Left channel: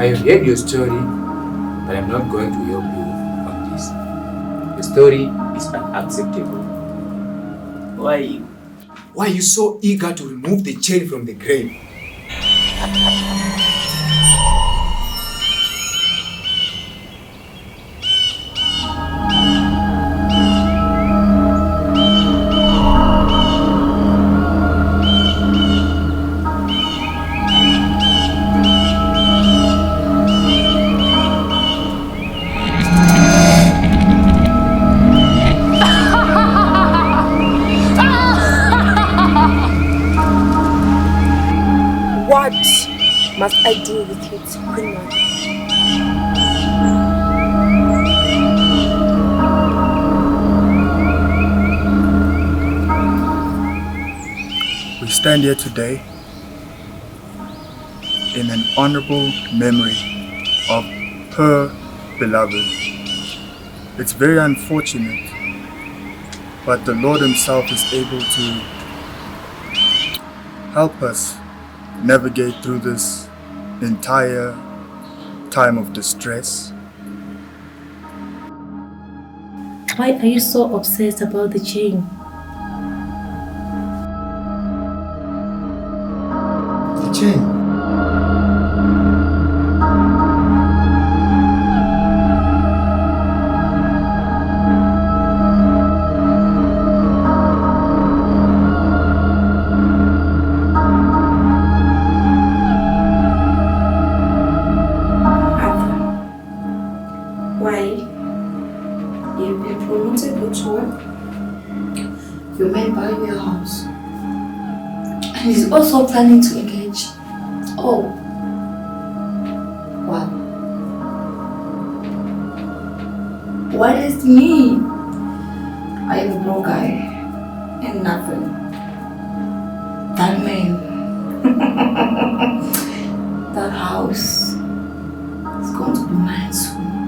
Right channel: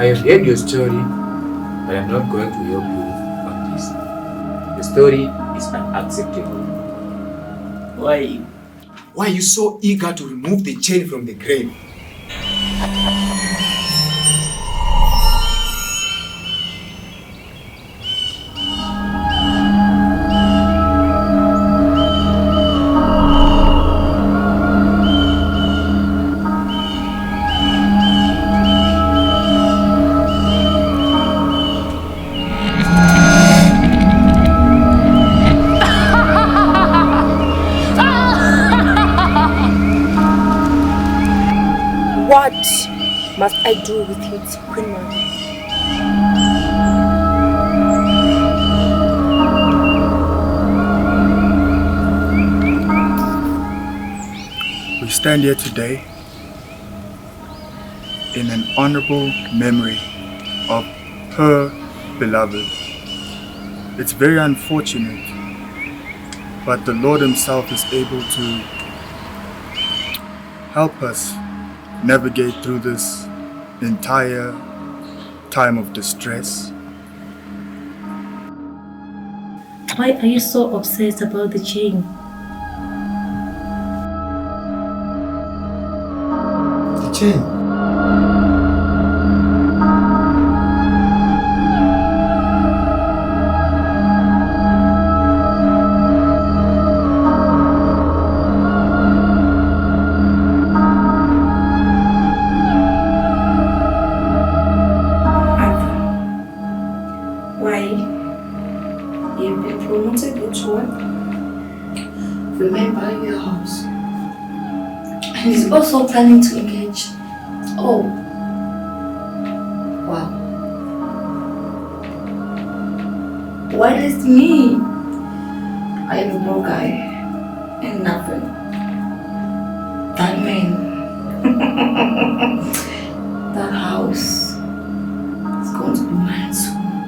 I heard your story, but I'm not going to help you on this. The story is unacceptable. Why? Why are you so eager to remove the chain from the grave? What must I do with it, Queen Mother? We stand here today in an honorable memory of her beloved. It's very unfortunate, but the Lord Himself is able to help us navigate through this entire time of distress. Why are you so obsessed about the chain? The chain? Arthur, why? You've been promoted with work. Your man buying your house. And he's also planning to engage. Oh. Wow. Why is me? I am a broke guy and nothing. That man. That house is going to be mine soon.